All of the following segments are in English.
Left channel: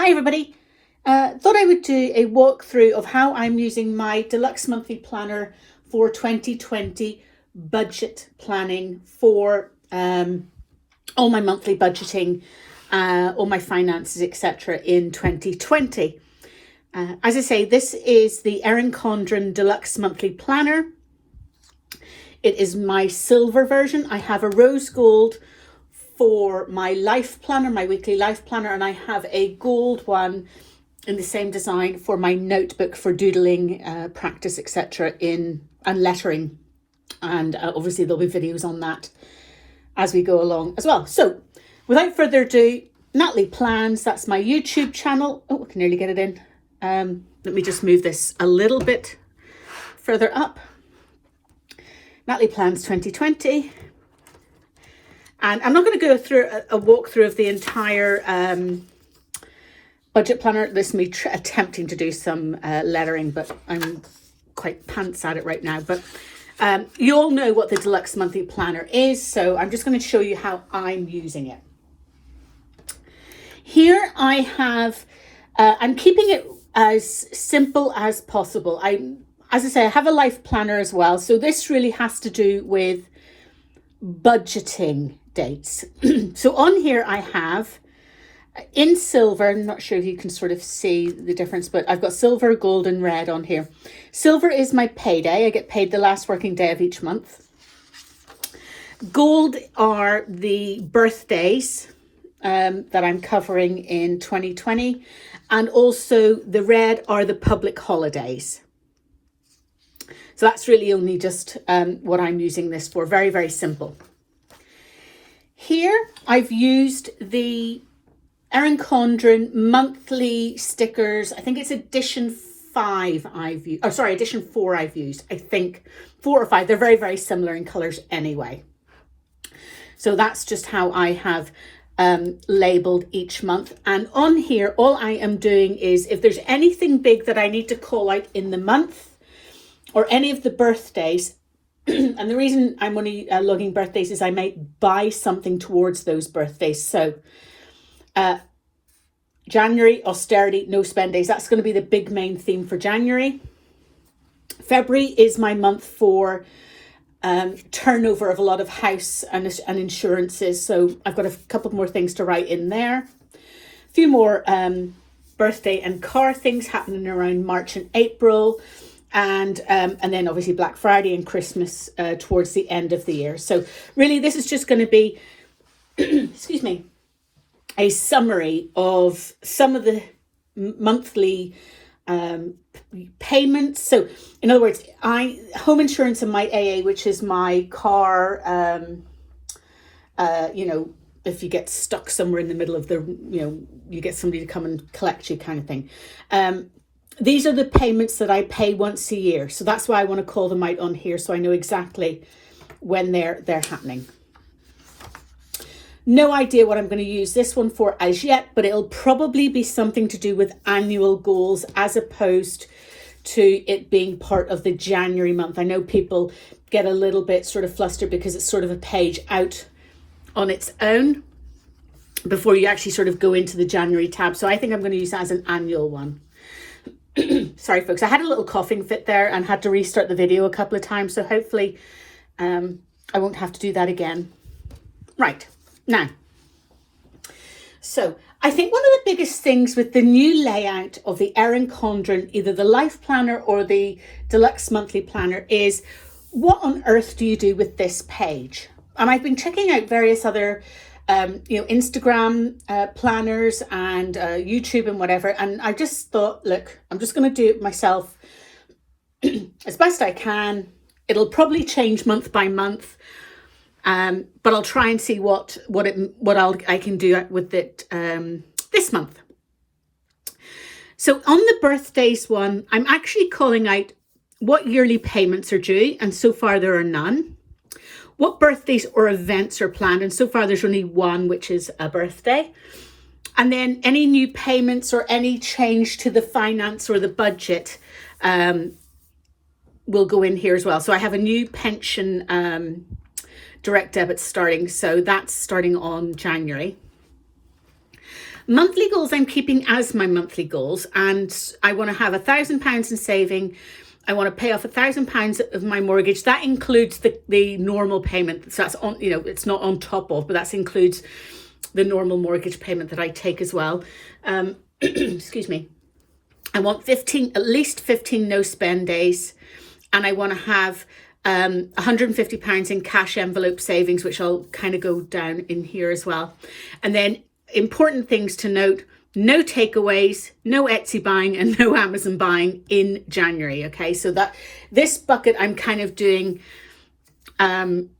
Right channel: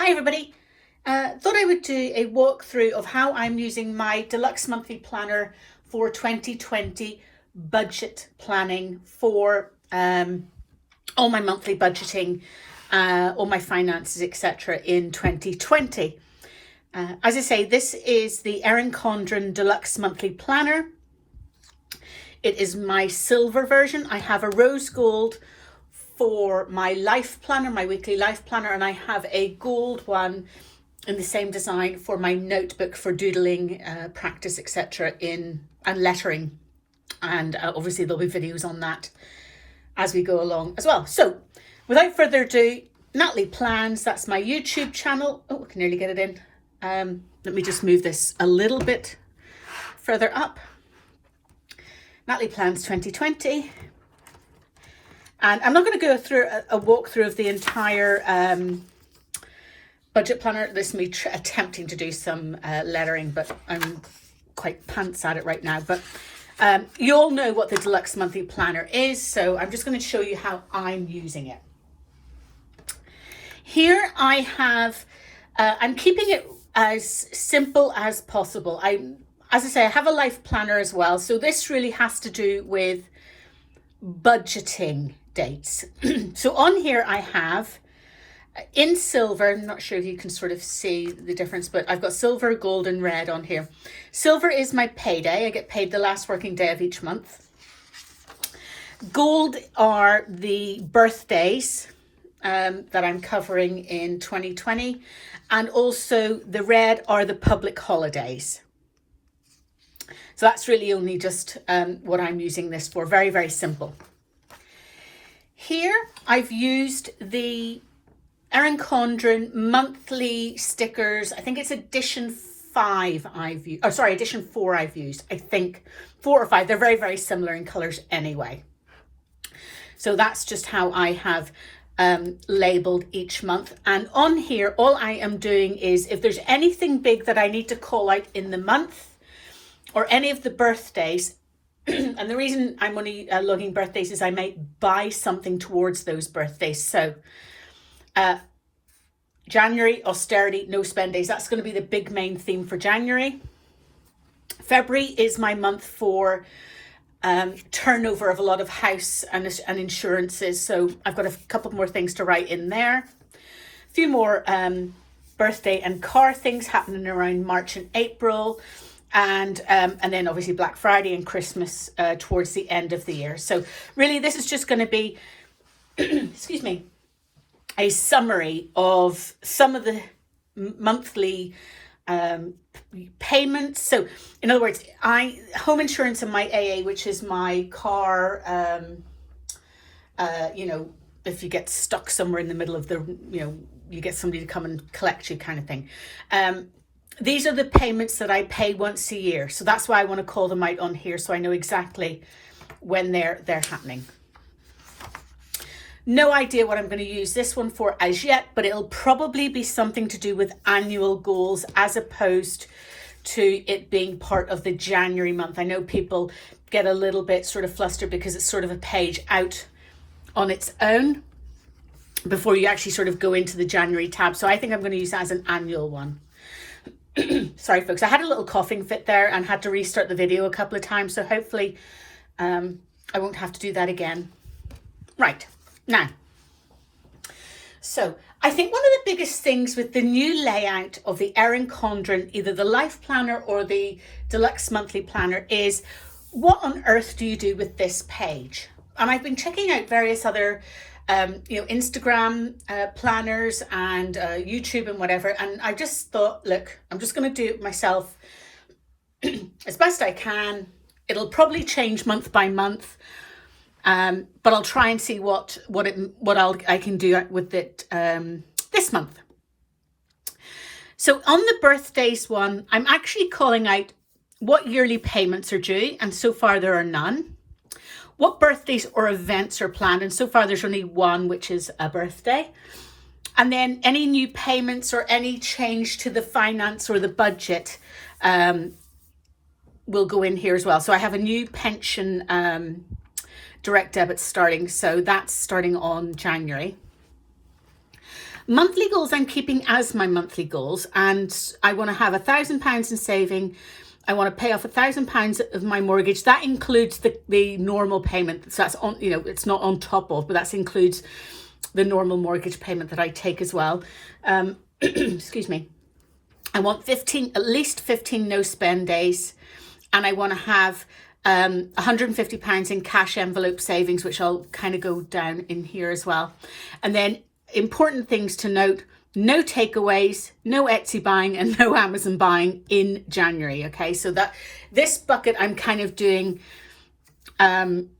Hi everybody, thought I would do a walkthrough of how I'm using my deluxe monthly planner for 2020 budget planning for all my monthly budgeting, all my finances, etc. in 2020. As I say, this is the Erin Condren Deluxe monthly planner. It is my silver version. I have a rose gold for my life planner, my weekly life planner, and I have a gold one in the same design for my notebook for doodling, practice, etc. and lettering. And obviously there'll be videos on that as we go along as well. So without further ado, Natalie Plans, that's my YouTube channel. Oh, I can nearly get it in. Let me just move this a little bit further up. Natalie Plans 2020. And I'm not going to go through a walkthrough of the entire budget planner. This is me attempting to do some lettering, but I'm quite pants at it right now. But you all know what the deluxe monthly planner is, so I'm just going to show you how I'm using it. Here I have, I'm keeping it as simple as possible. As I say, I have a life planner as well, so this really has to do with budgeting dates. So on here I have in silver, I'm not sure if you can sort of see the difference, but I've got silver, gold and red on here. Silver is my payday. I get paid the last working day of each month. Gold are the birthdays that I'm covering in 2020, and also the red are the public holidays. So that's really only just what I'm using this for. Very, very simple. Here I've used the Erin Condren monthly stickers. I think it's edition 5 I've used. Oh, sorry, edition 4 I've used. I think 4 or 5. They're very, very similar in colours anyway. So that's just how I have labelled each month. And on here, all I am doing is if there's anything big that I need to call out in the month, or any of the birthdays, and the reason I'm only logging birthdays is I might buy something towards those birthdays. So January, austerity, no spend days. That's going to be the big main theme for January. February is my month for turnover of a lot of house and insurances. So I've got a couple more things to write in there. A few more birthday and car things happening around March and April. And then obviously Black Friday and Christmas towards the end of the year. So really this is just going to be, excuse me, a summary of some of the monthly payments. So in other words, home insurance and my AA, which is my car, you know, if you get stuck somewhere in the middle of the, you know, you get somebody to come and collect you kind of thing. These are the payments that I pay once a year. So that's why I want to call them out on here so I know exactly when they're happening. No idea what I'm going to use this one for as yet, but it'll probably be something to do with annual goals as opposed to it being part of the January month. I know people get a little bit sort of flustered because it's sort of a page out on its own before you actually sort of go into the January tab. So I think I'm going to use that as an annual one. Sorry folks, I had a little coughing fit there and had to restart the video a couple of times, so hopefully I won't have to do that again. Right, now, so I think one of the biggest things with the new layout of the Erin Condren, either the life planner or the deluxe monthly planner, is what on earth do you do with this page? And I've been checking out various other you know, Instagram planners and YouTube and whatever. And I just thought, look, I'm just going to do it myself as best I can. It'll probably change month by month, but I'll try and see what I can do with it this month. So on the birthdays one, I'm actually calling out what yearly payments are due, and so far there are none. What birthdays or events are planned, and so far there's only one, which is a birthday. And then any new payments or any change to the finance or the budget will go in here as well. So I have a new pension direct debit starting, so that's starting on January. Monthly goals I'm keeping as my monthly goals, and I want to have £1,000 in saving. I want to pay off £1,000 of my mortgage. That includes the normal payment. So that's on, it's not on top of, but that includes the normal mortgage payment that I take as well. Excuse me. I want at least 15 no spend days, and I want to have £150 in cash envelope savings, which I'll kind of go down in here as well. And then important things to note: no takeaways, no Etsy buying, and no Amazon buying in January. Okay, so that this bucket I'm kind of doing, verboten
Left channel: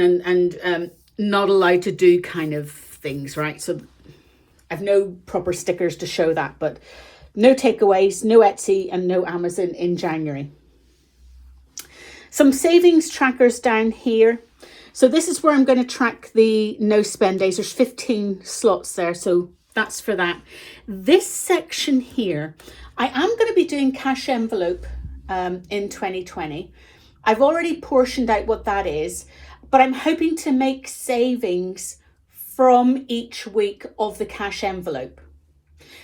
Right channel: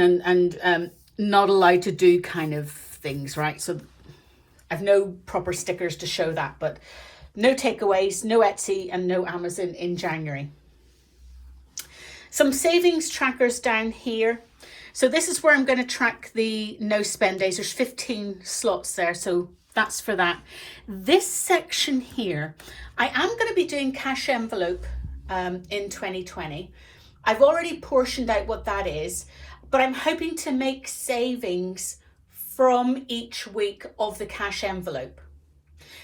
and not allowed to do kind of things, right? So I've no proper stickers to show that, but no takeaways, no Etsy, and no Amazon in January. Some savings trackers down here. So this is where I'm going to track the no spend days. There's 15 slots there, so that's for that. This section here, I am going to be doing cash envelope in 2020. I've already portioned out what that is, but I'm hoping to make savings from each week of the cash envelope.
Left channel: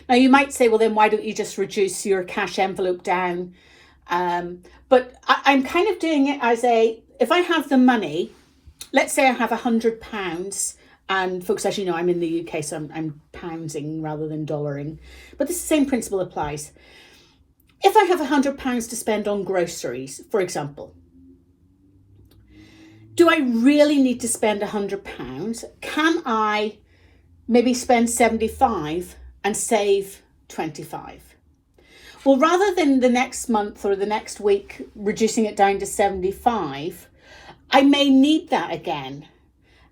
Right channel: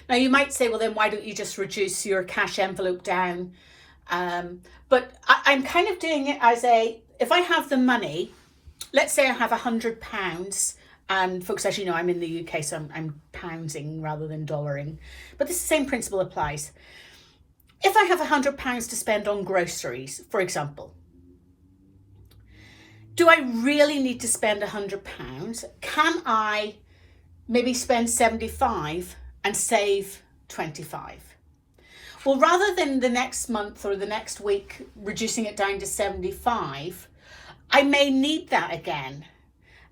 Now you might say, well, then why don't you just reduce your cash envelope down? But I'm kind of doing it as if I have the money, let's say I have £100, and folks, as you know, I'm in the UK, so I'm poundsing rather than dollaring, but the same principle applies. If I have £100 to spend on groceries, for example, do I really need to spend £100? Can I maybe spend 75 and save 25? Well, rather than the next month or the next week reducing it down to 75, I may need that again.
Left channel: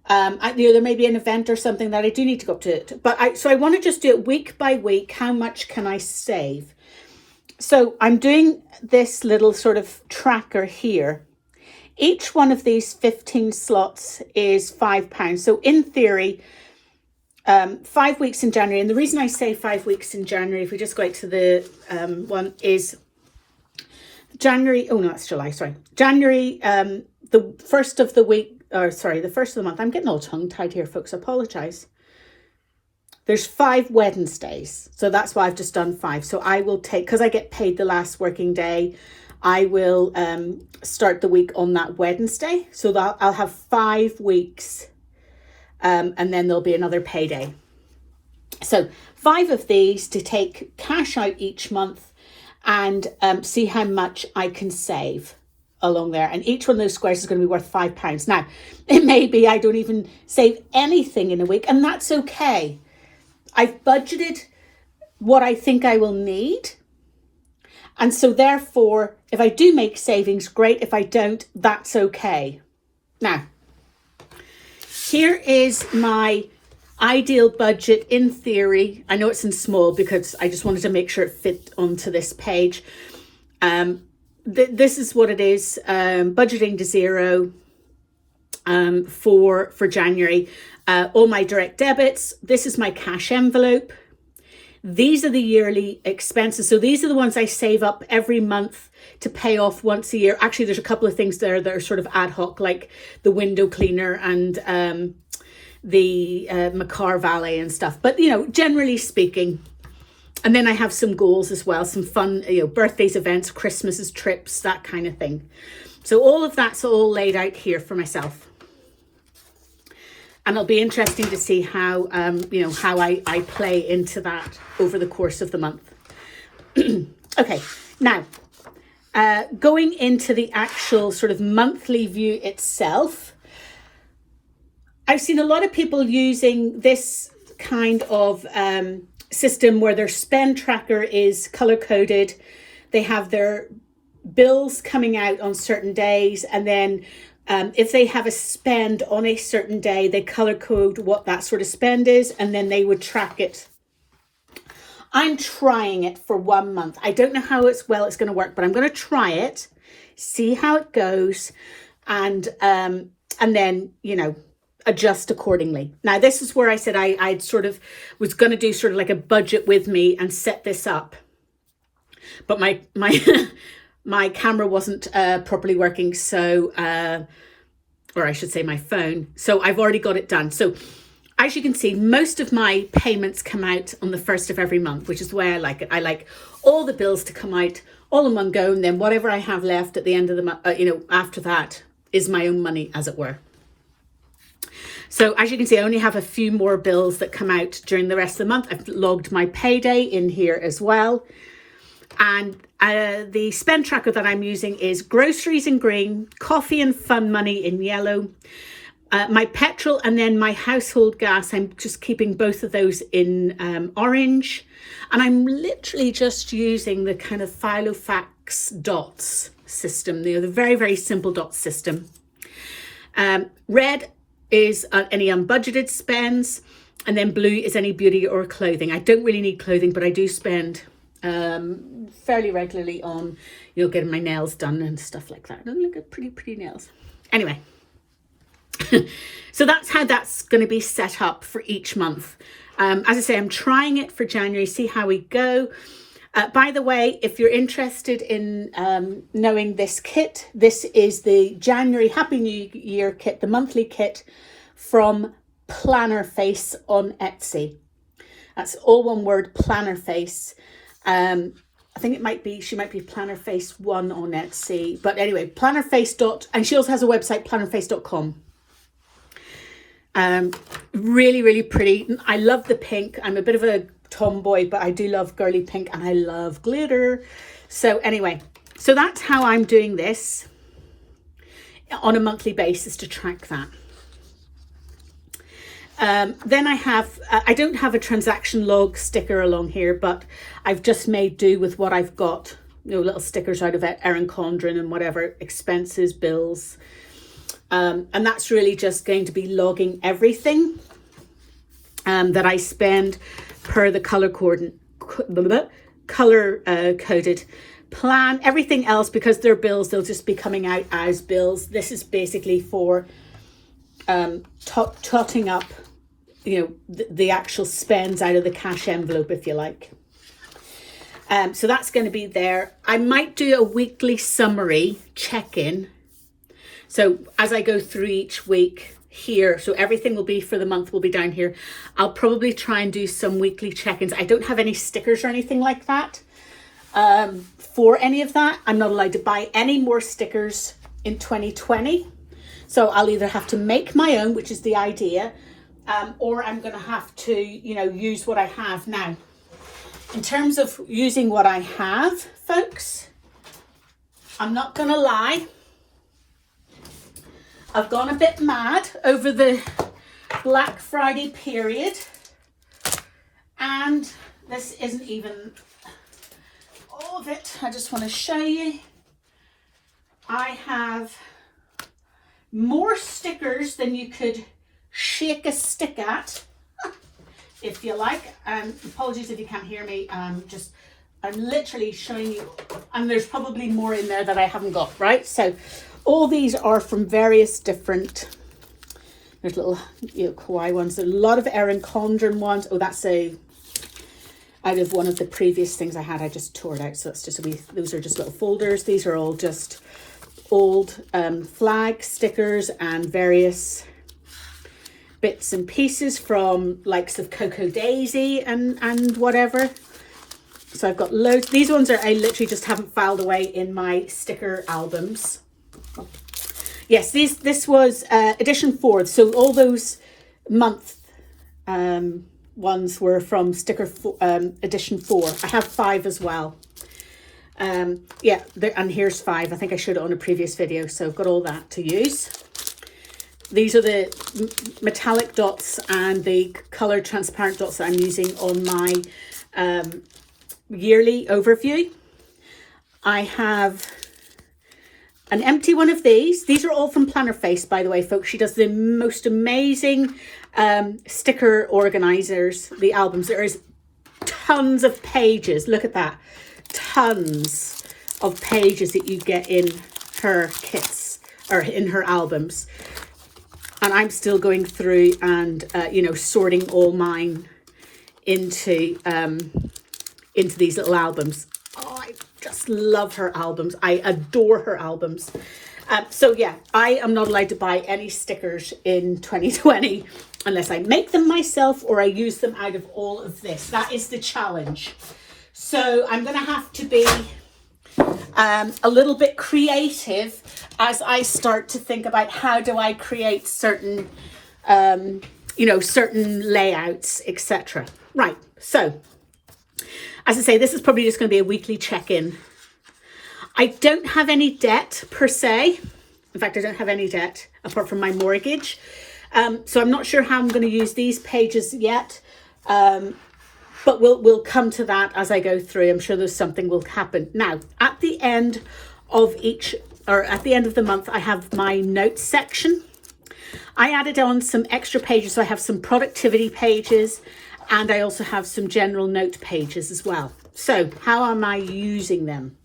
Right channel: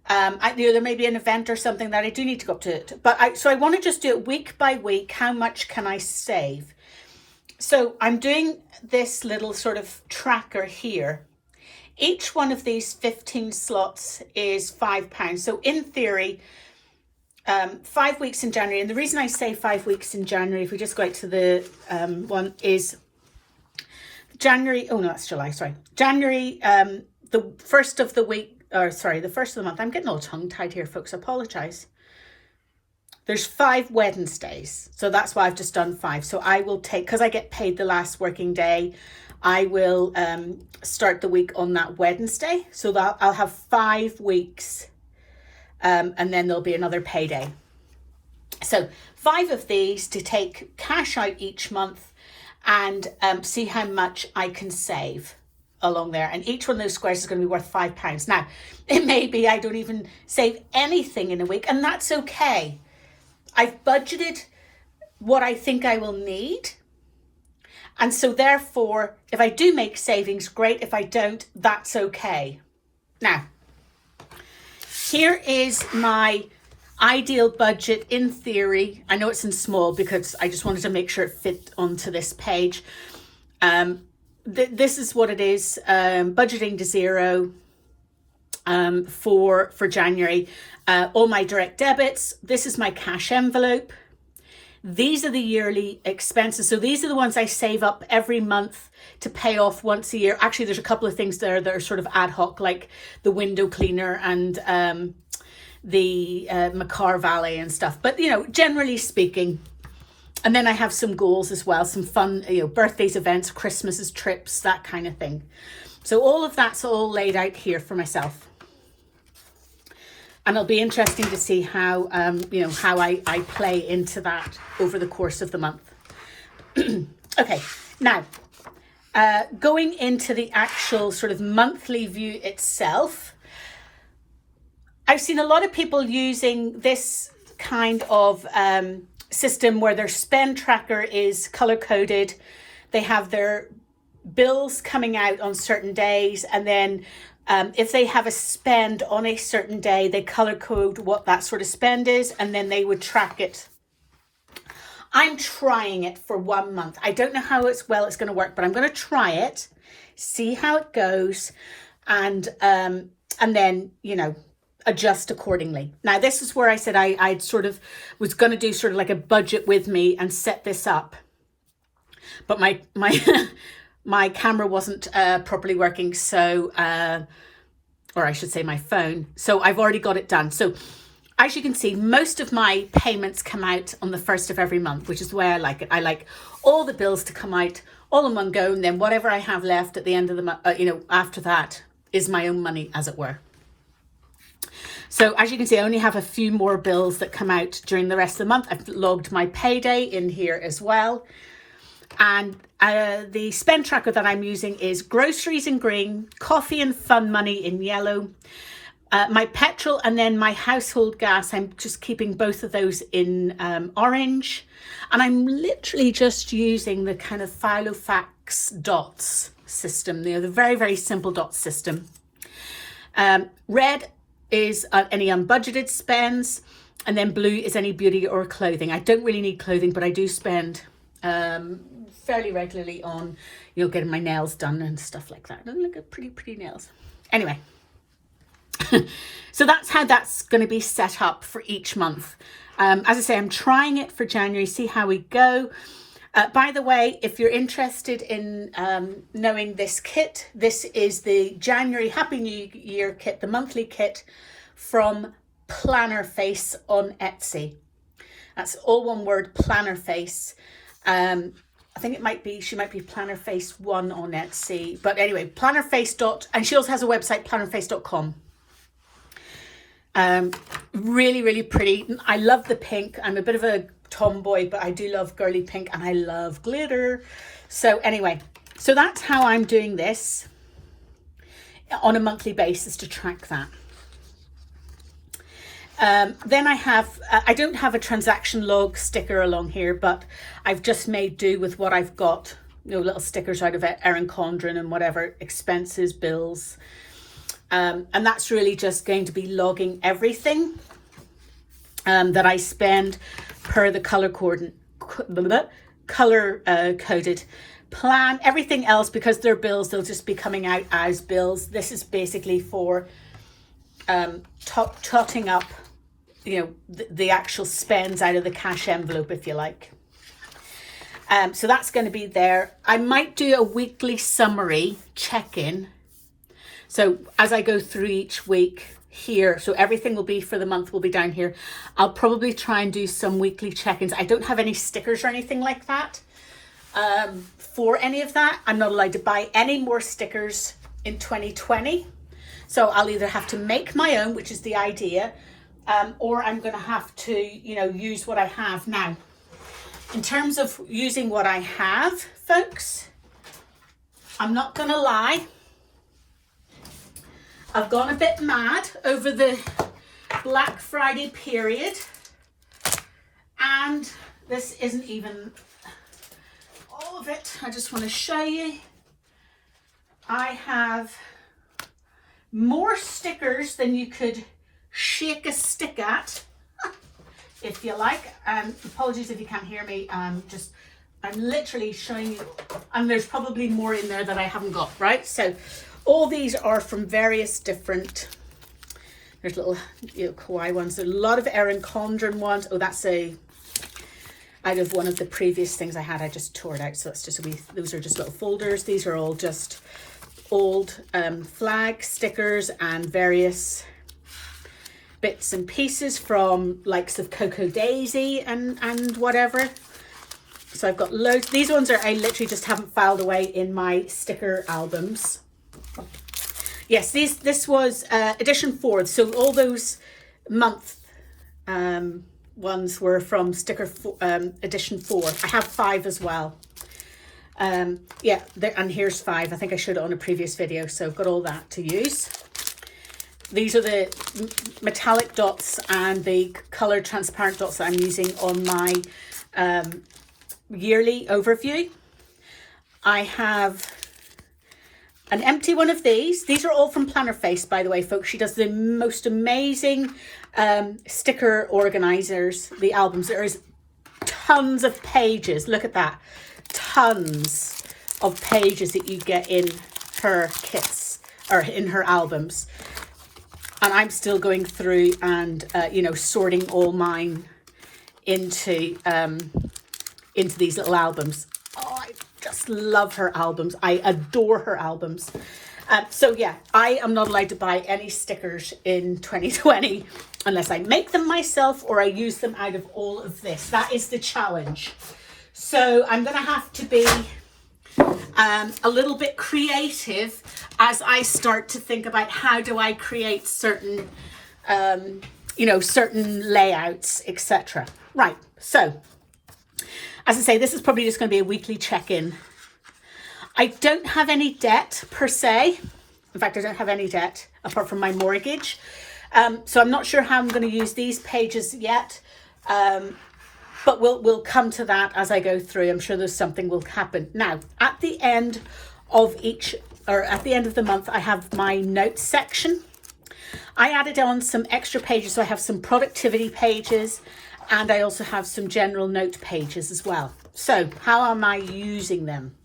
There may be an event or something that I do need to go up to. So I want to just do it week by week. How much can I save? So I'm doing this little sort of tracker here. Each one of these 15 slots is £5. So in theory, 5 weeks in January. And the reason I say 5 weeks in January, if we just go out to the one, is January. Oh, no, that's July. Sorry. January, the first of the week, or sorry, the first of the month. I'm getting all tongue tied here, folks. I apologize. There's 5 Wednesdays. So that's why I've just done 5. So I will take, because I get paid the last working day, I will start the week on that Wednesday. So that I'll have 5 weeks. And then there'll be another payday. So 5 of these to take cash out each month and see how much I can save along there. And each one of those squares is going to be worth £5. Now, it may be I don't even save anything in a week, and that's okay. I've budgeted what I think I will need. And so therefore, if I do make savings, great. If I don't, that's okay. Now, here is my ideal budget in theory. I know it's in small because I just wanted to make sure it fit onto this page. This is what it is, budgeting to zero for January. All my direct debits. This is my cash envelope. These are the yearly expenses. So these are the ones I save up every month to pay off once a year. Actually, there's a couple of things there that are sort of ad hoc, like the window cleaner and the Makar Valet and stuff. But, generally speaking. And then I have some goals as well, some fun, birthdays, events, Christmases, trips, that kind of thing. So all of that's all laid out here for myself. And it'll be interesting to see how, how I play into that over the course of the month. Okay, now, going into the actual sort of monthly view itself, I've seen a lot of people using this kind of system where their spend tracker is color-coded. They have their bills coming out on certain days, and then if they have a spend on a certain day, they color code what that sort of spend is, and then they would track it. I'm trying it for 1 month. I don't know how it's going to work, but I'm going to try it, see how it goes, and then, adjust accordingly. Now, this is where I said I sort of was going to do sort of like a budget with me and set this up. But my my camera wasn't properly working, so or I should say my phone. So I've already got it done. So as you can see, most of my payments come out on the 1st of every month, which is the way I like it. I like all the bills to come out all in one go, and then whatever I have left at the end of the month, after that is my own money, as it were. So as you can see, I only have a few more bills that come out during the rest of the month. I've logged my payday in here as well. And the spend tracker that I'm using is groceries in green, coffee and fun money in yellow, my petrol, and then my household gas. I'm just keeping both of those in orange. And I'm literally just using the kind of Filofax dots system, the very, very simple dot system. Red is any unbudgeted spends, and then blue is any beauty or clothing. I don't really need clothing, but I do spend fairly regularly on, getting my nails done and stuff like that. Look at pretty nails. Anyway, so that's how that's going to be set up for each month. As I say, I'm trying it for January, see how we go. By the way, if you're interested in knowing this kit, this is the January Happy New Year kit, the monthly kit from Planner Face on Etsy. That's all one word, Planner Face. I think she might be Planner Face 1 on Etsy. But anyway, Plannerface and she also has a website, plannerface.com. Really, really pretty. I love the pink. I'm a bit of a tomboy, but I do love girly pink, and I love glitter. So anyway, so that's how I'm doing this on a monthly basis to track that. Then I don't have a transaction log sticker along here, but I've just made do with what I've got, little stickers out of Erin Condren and whatever, expenses, bills. And that's really just going to be logging everything that I spend per the color coded plan. Everything else, because they're bills, they'll just be coming out as bills. This is basically for totting up, the actual spends out of the cash envelope, if you like. So that's going to be there. I might do a weekly summary check-in. So as I go through each week here, so everything will be for the month will be down here. I'll probably try and do some weekly check-ins. I don't have any stickers or anything like that for any of that. I'm not allowed to buy any more stickers in 2020. So I'll either have to make my own, which is the idea, or I'm going to have to, use what I have now. In terms of using what I have, folks, I'm not going to lie. I've gone a bit mad over the Black Friday period, and this isn't even all of it. I just want to show you. I have more stickers than you could shake a stick at, if you like. Apologies if you can't hear me. I'm literally showing you, and there's probably more in there that I haven't got, right? So all these are from various different, there's little kawaii ones. There's a lot of Erin Condren ones. Oh, that's out of one of the previous things I had. I just tore it out, so that's just those are just little folders. These are all just old flag stickers and various bits and pieces from likes of Cocoa Daisy and whatever. So I've got loads. These ones I literally just haven't filed away in my sticker albums. Yes, this was edition 4. So all those month ones were from edition 4. I have 5 as well. Yeah, and here's 5. I think I showed it on a previous video, so I've got all that to use. These are the metallic dots and the color transparent dots that I'm using on my yearly overview. I have an empty one of these. These are all from Planner Face, by the way, folks. She does the most amazing sticker organizers, the albums. There is tons of pages. Look at that. Tons of pages that you get in her kits or in her albums. And I'm still going through and, sorting all mine into these little albums. Oh, I just love her albums. I adore her albums. So yeah, I am not allowed to buy any stickers in 2020. unless I make them myself or I use them out of all of this. That is the challenge. So I'm going to have to be a little bit creative as I start to think about how do I create certain, certain layouts, etc. Right. So as I say, this is probably just going to be a weekly check-in. I don't have any debt per se. In fact, I don't have any debt apart from my mortgage. So I'm not sure how I'm going to use these pages yet. But we'll come to that as I go through. I'm sure there's something will happen. Now, at the end of the month, I have my notes section. I added on some extra pages. So I have some productivity pages and I also have some general note pages as well. So how am I using them?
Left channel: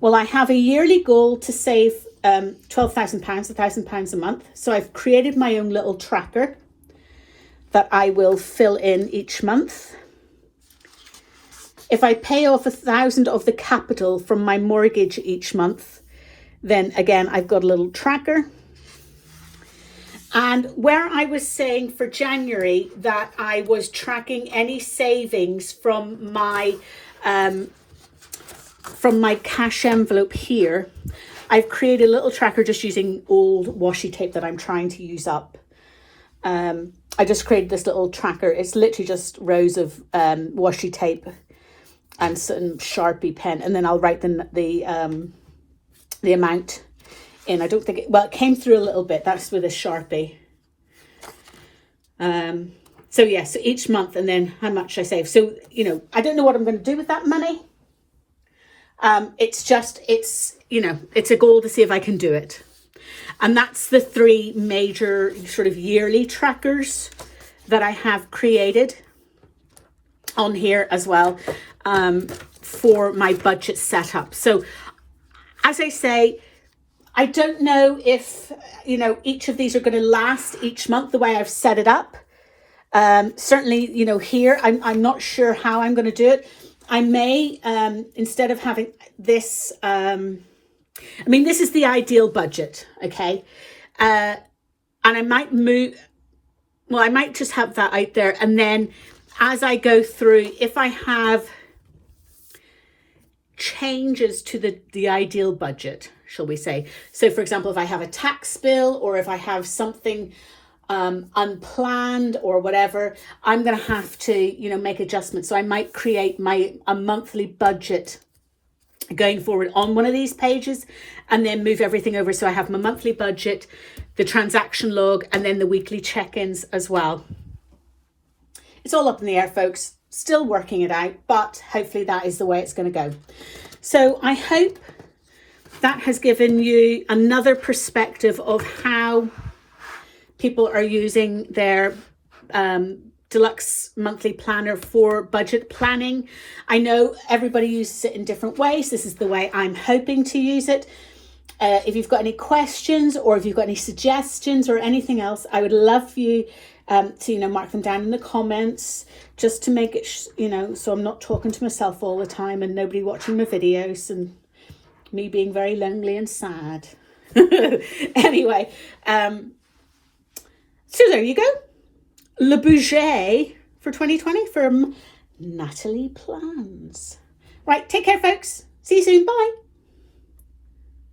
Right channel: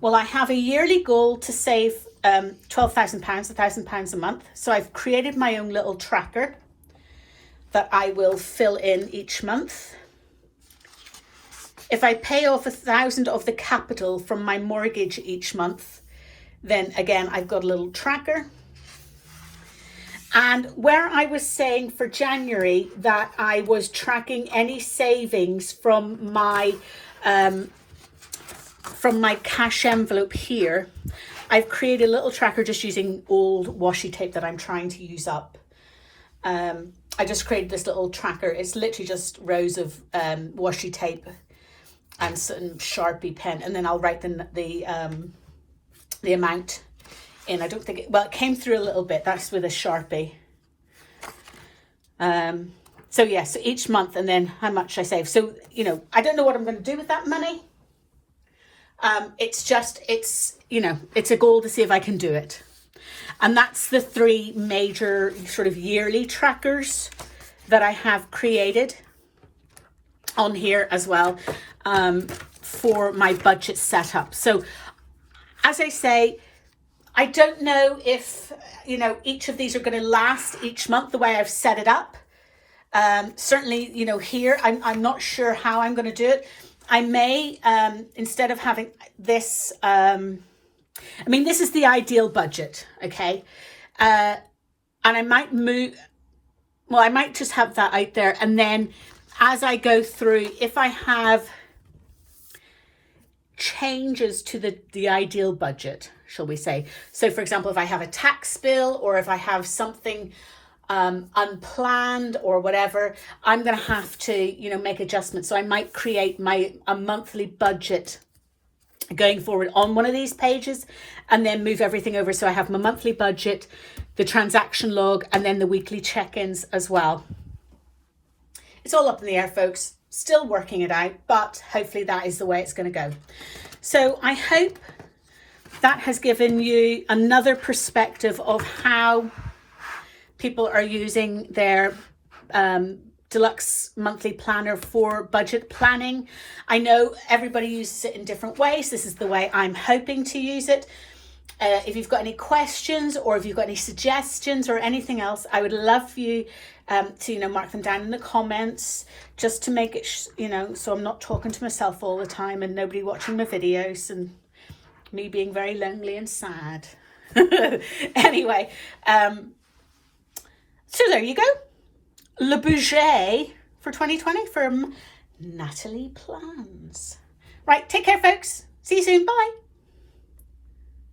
Well, I have a yearly goal to save £12,000, £1,000 a month. So I've created my own little tracker that I will fill in each month. If I pay off 1,000 of the capital from my mortgage each month, then again, I've got a little tracker. And where I was saying for January that I was tracking any savings from my cash envelope here, I've created a little tracker just using old washi tape that I'm trying to use up. I just created this little tracker. It's literally just rows of washi tape and some Sharpie pen, and then I'll write the amount in. I don't think it came through a little bit. That's with a Sharpie. So yeah, so each month, and then how much I save. So I don't know what I'm going to do with that money. It's a goal to see if I can do it. And that's the 3 major sort of yearly trackers that I have created on here as well for my budget setup. So as I say, I don't know if, each of these are going to last each month the way I've set it up. Certainly, here, I'm not sure how I'm going to do it. I may, instead of having this, this is the ideal budget, okay? And I might I might just have that out there. And then as I go through, if I have changes to the ideal budget, shall we say. So for example, if I have a tax bill or if I have something unplanned or whatever, I'm going to have to, make adjustments. So I might create a monthly budget going forward on one of these pages and then move everything over. So I have my monthly budget, the transaction log, and then the weekly check-ins as well. It's all up in the air, folks. Still working it out, but hopefully that is the way it's going to go. So I hope that has given you another perspective of how people are using their deluxe monthly planner for budget planning. I know everybody uses it in different ways. This is the way I'm hoping to use it. If you've got any questions or if you've got any suggestions or anything else, I would love for you to mark them down in the comments, just to make it so I'm not talking to myself all the time and nobody watching my videos and me being very lonely and sad. Anyway, so there you go. Le budget for 2020 from Natalie Plans. Right, take care, folks. See you soon. Bye.